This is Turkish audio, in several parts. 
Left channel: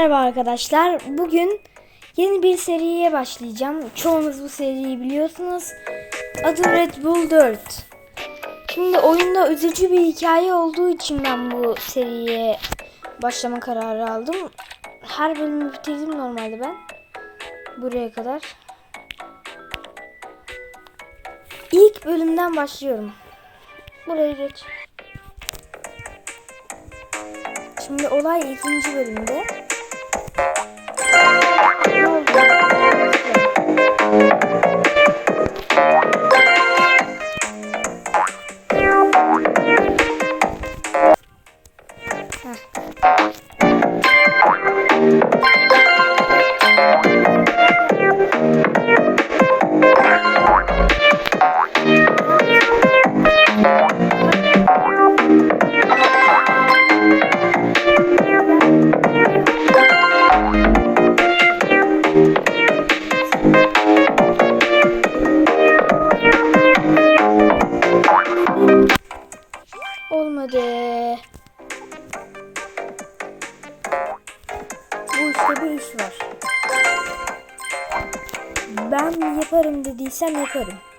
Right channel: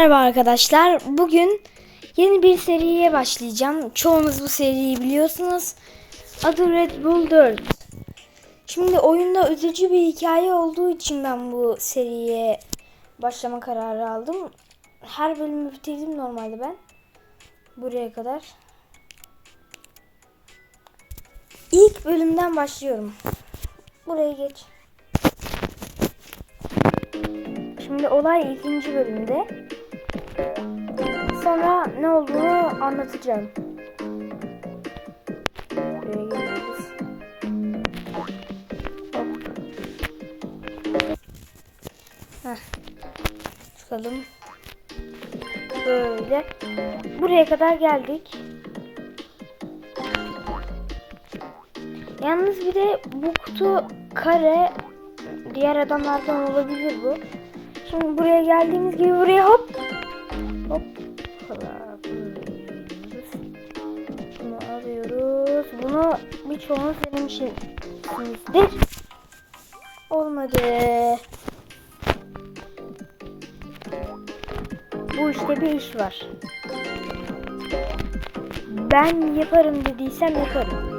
Merhaba arkadaşlar. Bugün yeni bir seriye başlayacağım. Çoğunuz bu seriyi biliyorsunuz. Adı Red Bull 4. Şimdi oyunda üzücü bir hikaye olduğu için ben bu seriye başlama kararı aldım. Her bölümü bitirdim normalde ben. Buraya kadar. İlk bölümden başlıyorum. Buraya geç. Şimdi olay ikinci bölümde. Sonra ne olduğunu Olmadı. Bu işte bir iş var. Ben yaparım dediysem yaparım.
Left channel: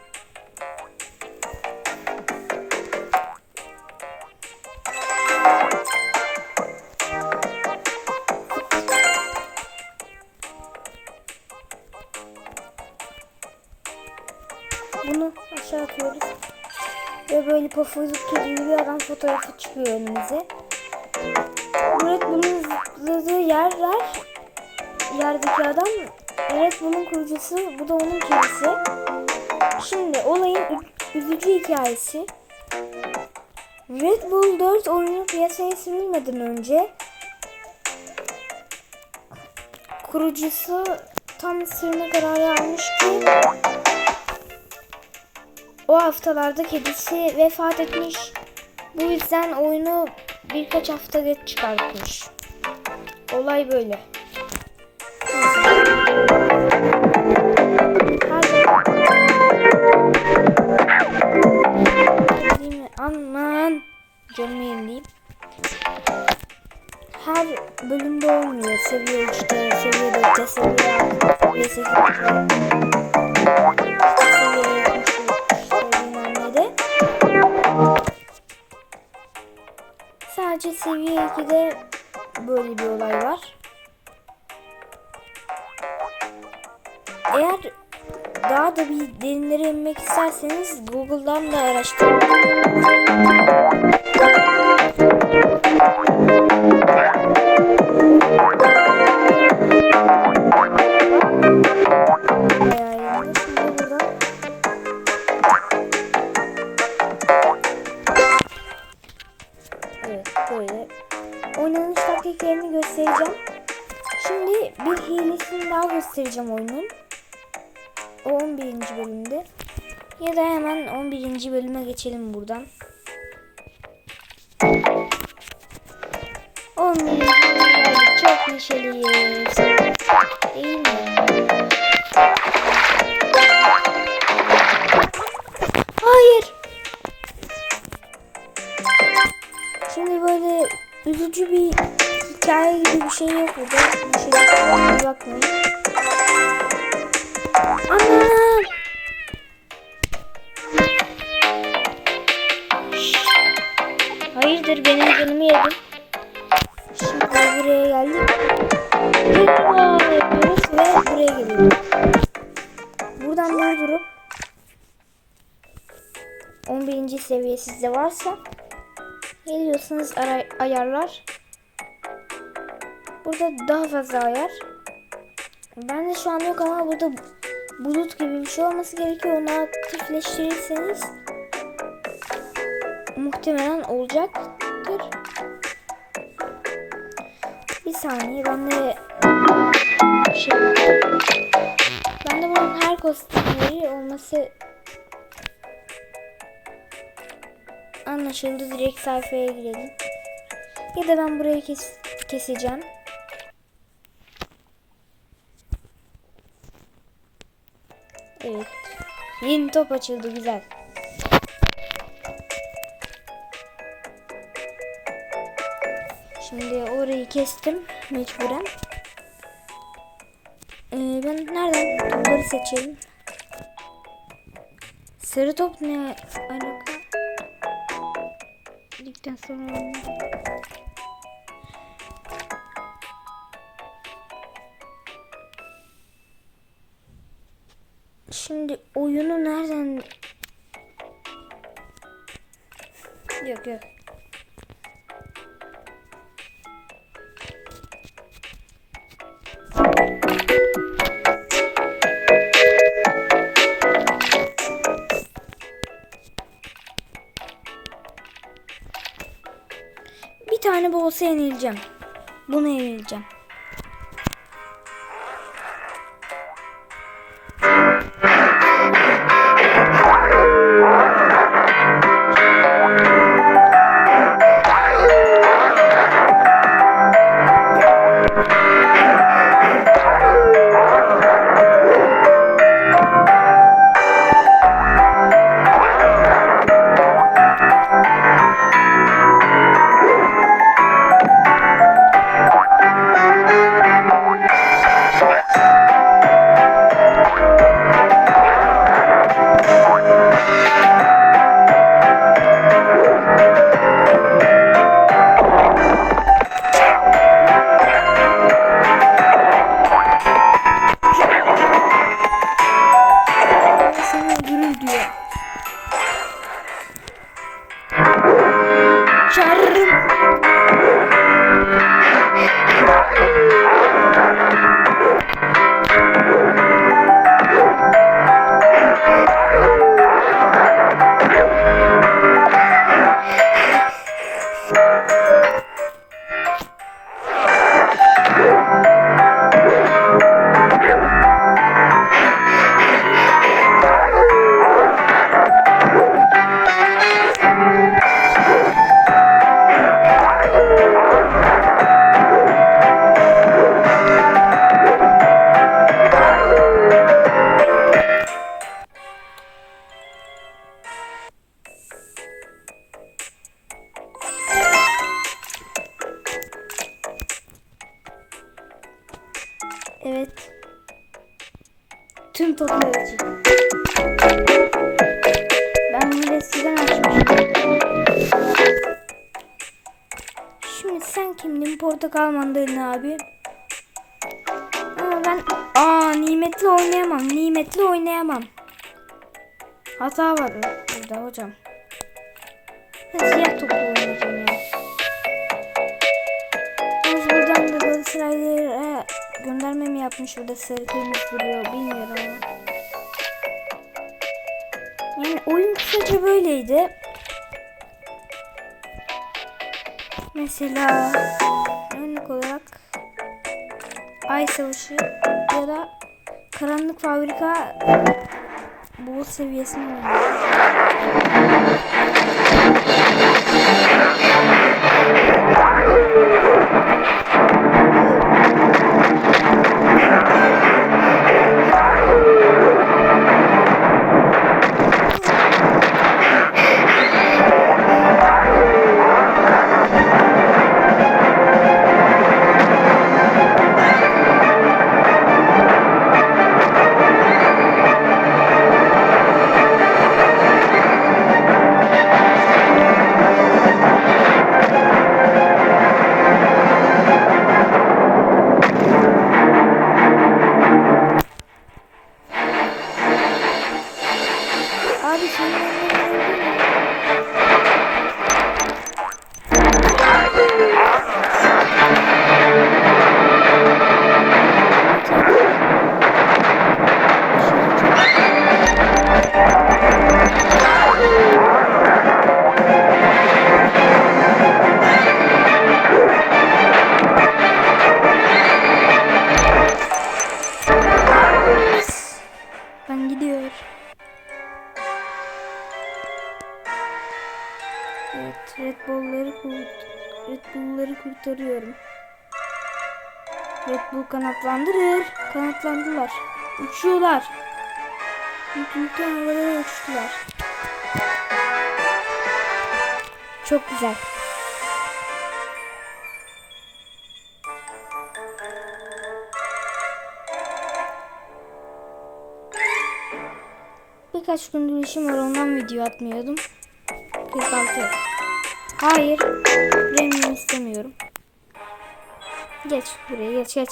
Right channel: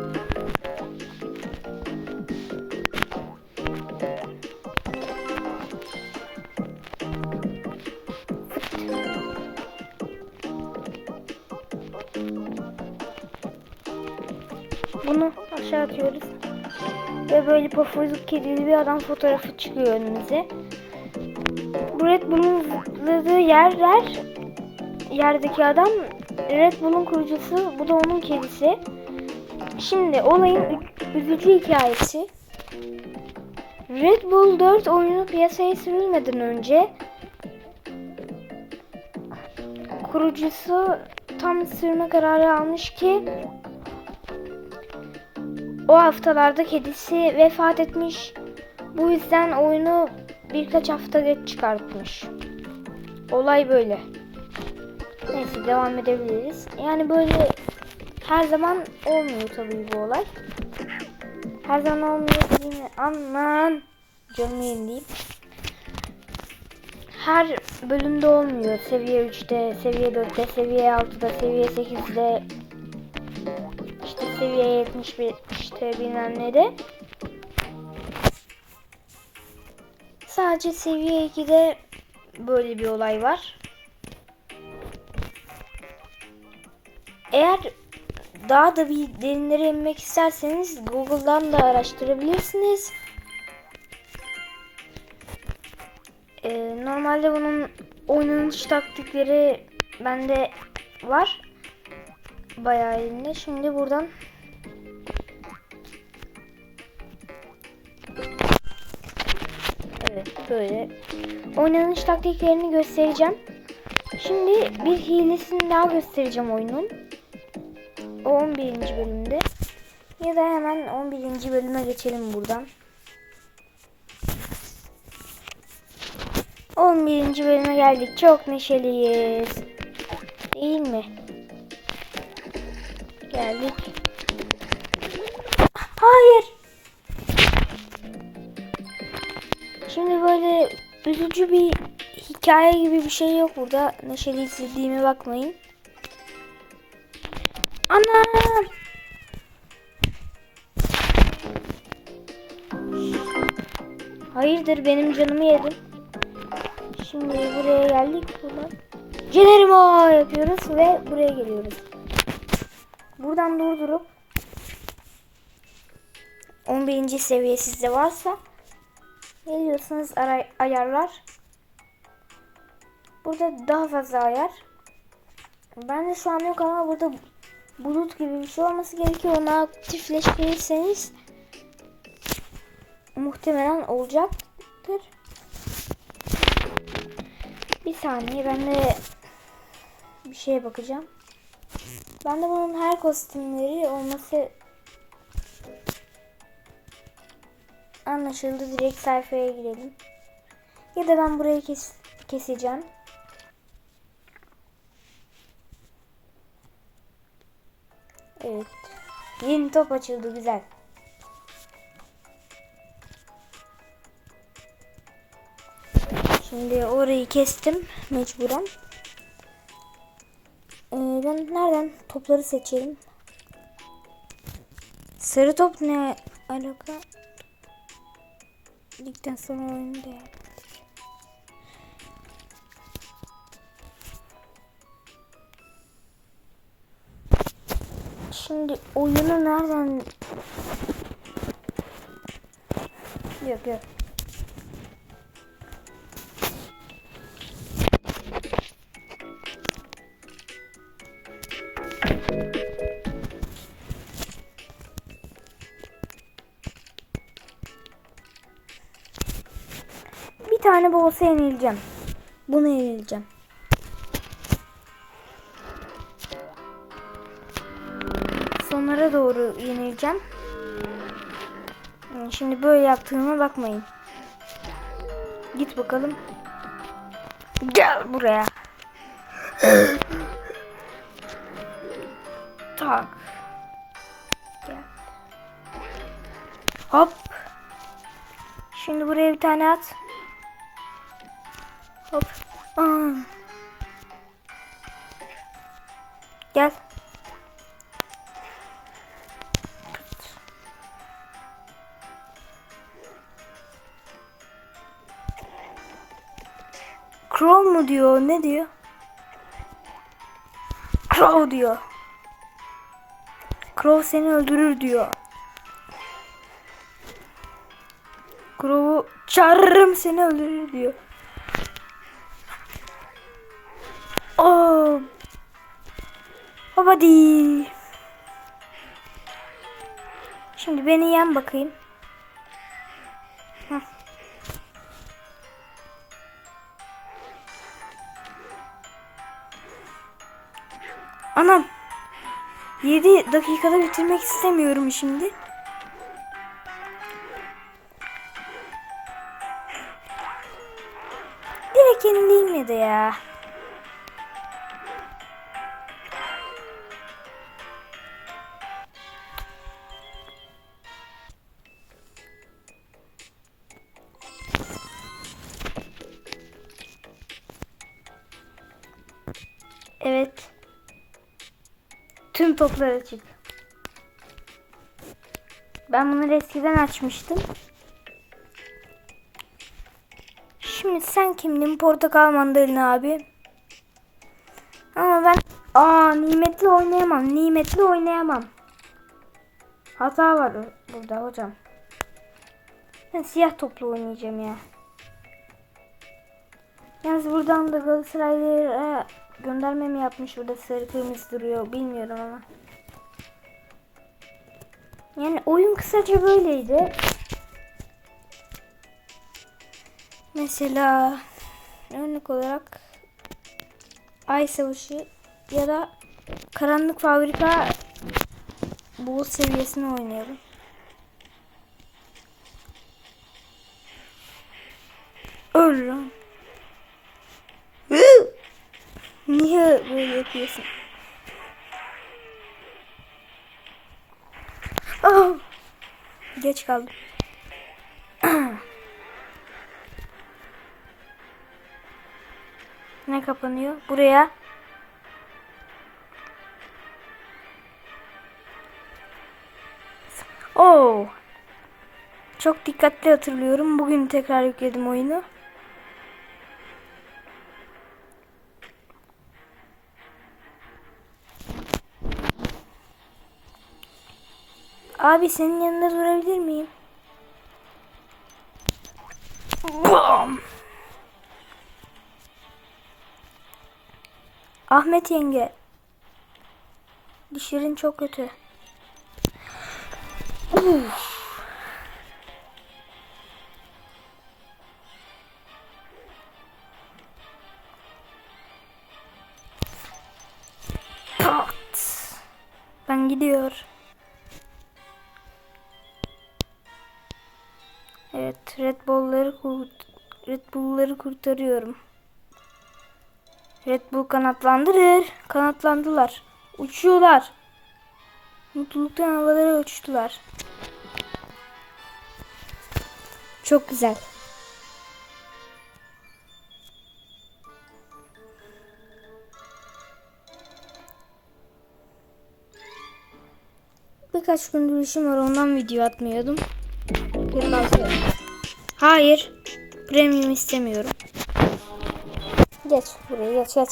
Böyle pofuduk kedili bir adam fotoğrafı çıkıyor önümüze. Bu Red Bull'un zıpladığı yerler yerdeki adam Red Bull'un kurucusu. Bu da onun kedisi. Şimdi olayın üzücü hikayesi. Red Bull 4 oyunu piyasaya sürülmeden önce kurucusu tam sürme kararı almış ki o haftalarda kedisi vefat etmiş. Bu yüzden oyunu birkaç hafta geç çıkartmış. Olay böyle. Yani böyle her zaman aman canımı yenileyim. Her bölümde olmuyor. Seviye 3'te, seviye 4'te, seviye 6'da, seviye 8'de, Sadece seviye 2'de böyle bir olay var. Eğer daha da bir derinlere inmek isterseniz Google'dan da araştırabilirsiniz. Taktiklerini göstereceğim. Şimdi bir hilesini daha göstereceğim oyunun. O 11. bölümde. Ya da hemen 11. bölüme geçelim buradan. 11. bölüme geldik. Çok neşeliyiz. Değil mi? Hayır. Şimdi böyle üzücü bir hikaye gibi bir şey yok burada. Neşeli bir bakmayın. Şşş. Hayırdır benim canımı yedin. Şimdi buraya geldik. Gelerimo yapıyoruz ve buraya geliyoruz. Buradan durdurup 11. seviye sizde varsa geliyorsunuz ayarlar. Burada daha fazla ayar. Ben de şu an yok ama burada bulut gibi bir şey olması gerekiyor. Onu aktifleştirirseniz muhtemelen olacaktır. Bir saniye ben de şey bakacağım. Ben de bunun her kostümleri olması anlaşıldı. Direkt sayfaya girelim. Ya da ben burayı kes keseceğim. Evet. Yeni top açıldı güzel. Şimdi orayı kestim mecburen. saniye ben nereden topları seçelim. Sarı top ne alaka? Ligden sonra oynayalım. Şimdi oyunu nereden... Yok yok. Bir tane bolsa yenileceğim. Bunu yenileceğim. Seni. Portakal mandalina abi. Ama ben aa nimetli oynayamam. Nimetli oynayamam. Hata var burada hocam. Ben siyah toplu oynayacağım ya. Yalnız buradan da Galatasaraylılara gönderme mi yapmış burada sarı kırmızı duruyor bilmiyorum ama. Yani oyun kısaca böyleydi. Mesela örnek olarak Ay Savaşı ya da Karanlık Fabrika bu seviyesini oynuyorum. Abi senin Red Bull'ları kurtarıyorum. Red Bull kanatlandırır. Kanatlandılar. Uçuyorlar. Mutluluktan havalara uçtular. Çok güzel. Birkaç gündür işim var ondan video atmıyordum. 46 Hayır. Premium istemiyorum. Geç buraya geç geç.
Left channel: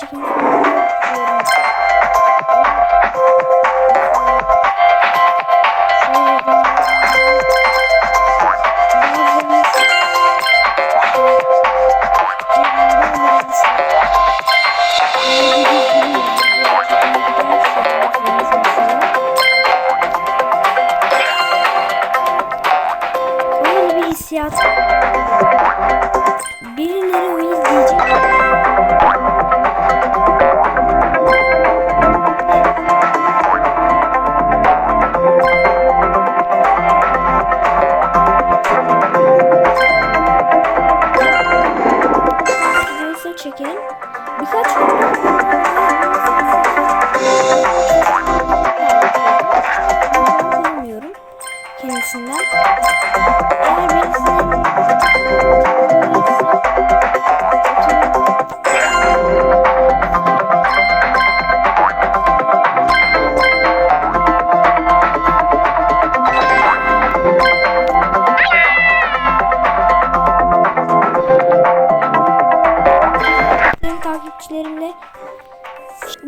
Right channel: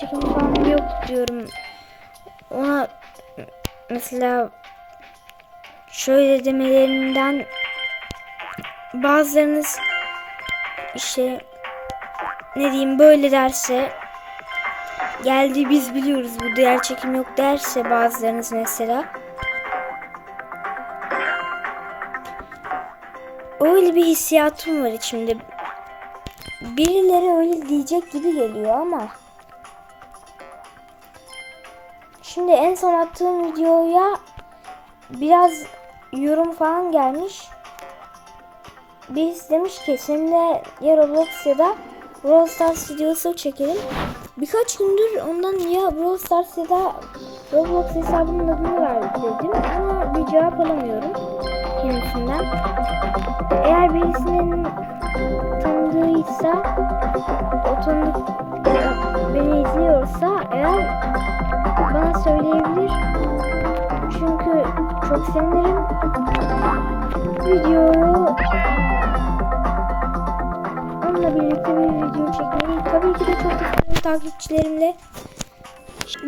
Gerçekten falan yok diyorum. Ama işte ne diyeyim böyle derse geldi biz biliyoruz bu gerçekten yok derse bazılarınız mesela bir hissiyatım var içimde. Birileri öyle diyecek gibi geliyor Birkaç gündür bundan niye Brawl Stars'da Roblox hesabını neden geldi. Ama cevap alamıyorum kendisinden. Eğer birisinin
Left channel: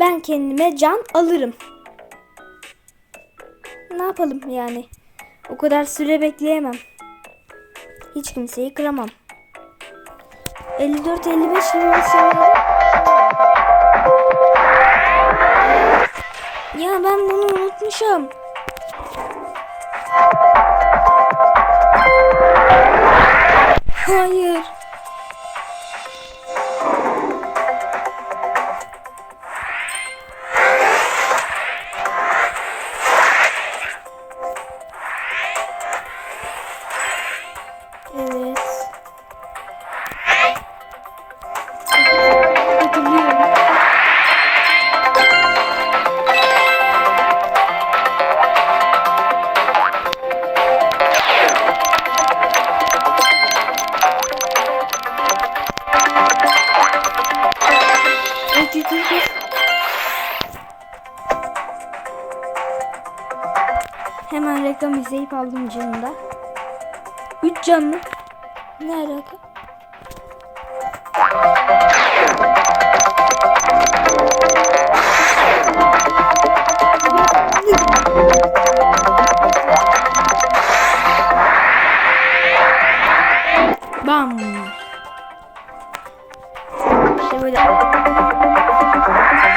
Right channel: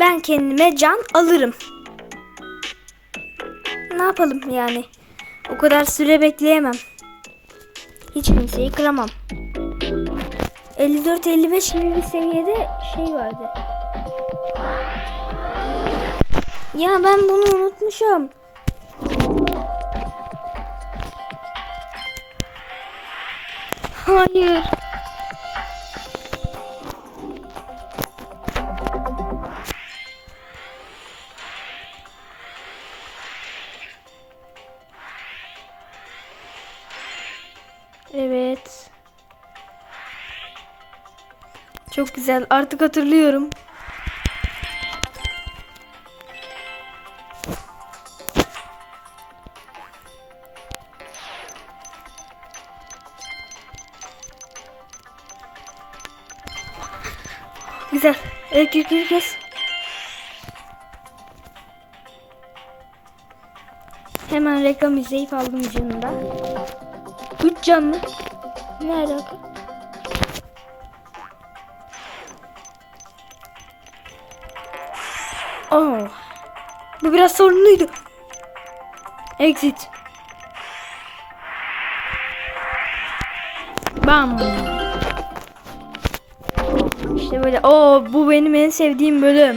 ben kendime can alırım. Ne yapalım yani? O kadar süre bekleyemem. Hiç kimseyi kıramam. 54-55 gibi bir seviyede şey vardı. Ya ben bunu unutmuşum. Hayır. Evet yükünü kes. Hemen reklam izleyip aldım canında. 3 can mı? Ne alaka? Aa, bu biraz sorunluydu. Exit. Bam. Böyle o bu benim en sevdiğim bölüm.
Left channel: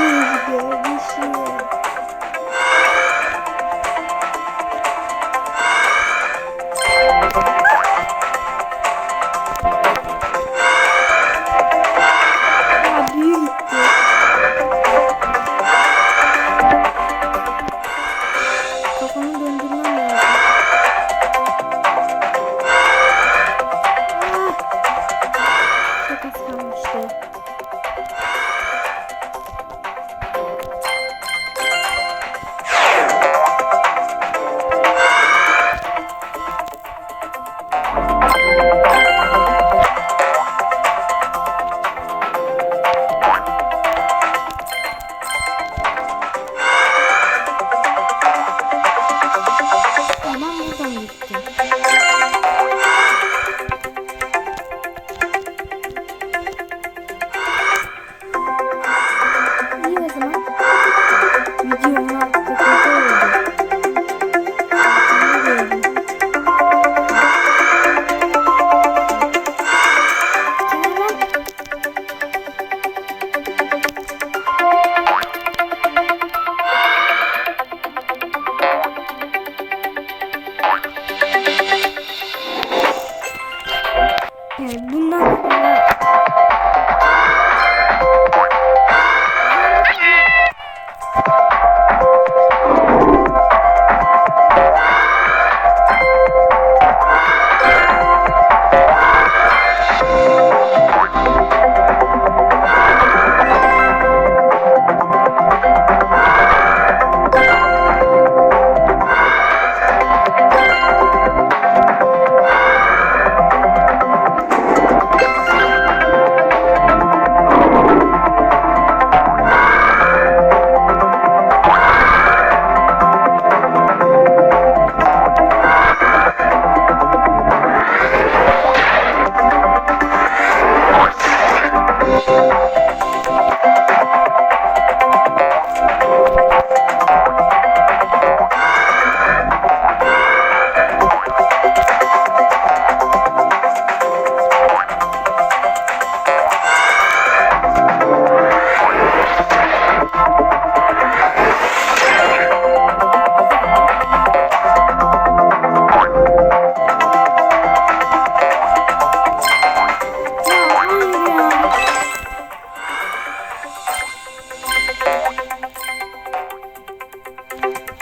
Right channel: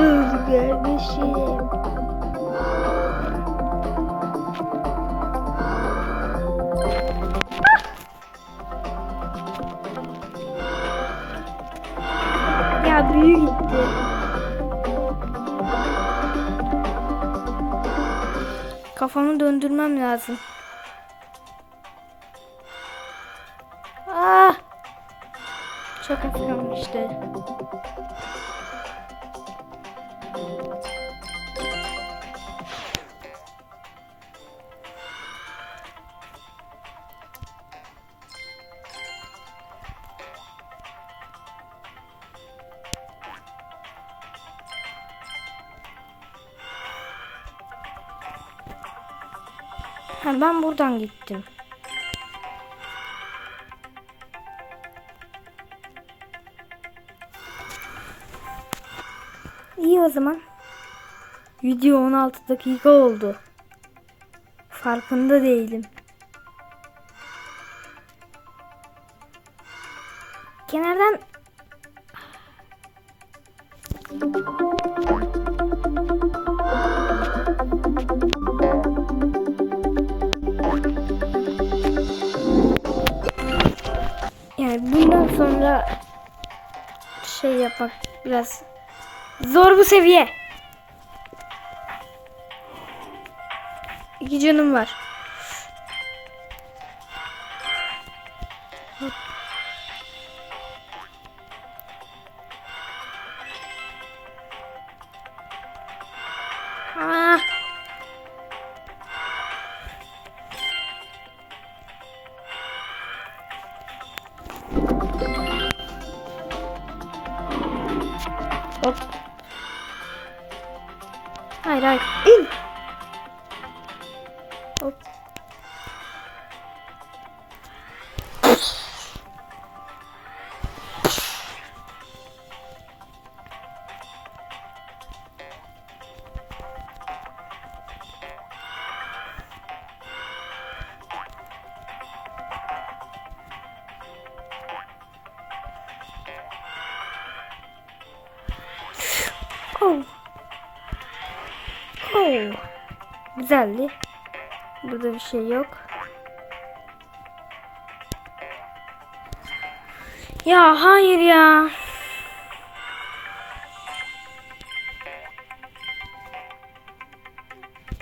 Kafam güzel oldu kardeşim. Ya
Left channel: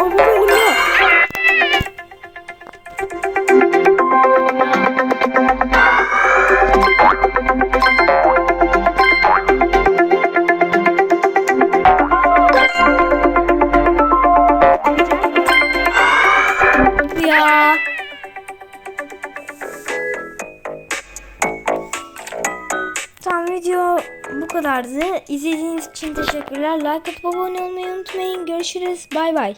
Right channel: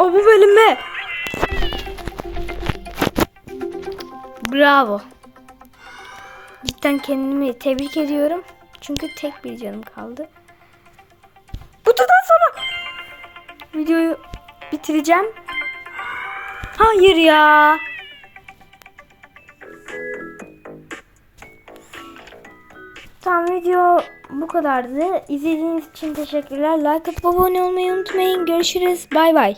O bu bölümde. Bravo. Ben kendimi tebrik ediyorum. Çünkü tek bir Bu kadar sonra videoyu bitireceğim. Hayır ya. Tamam video bu kadardı. İzlediğiniz için teşekkürler. Like atıp abone olmayı unutmayın. Görüşürüz. Bay bay.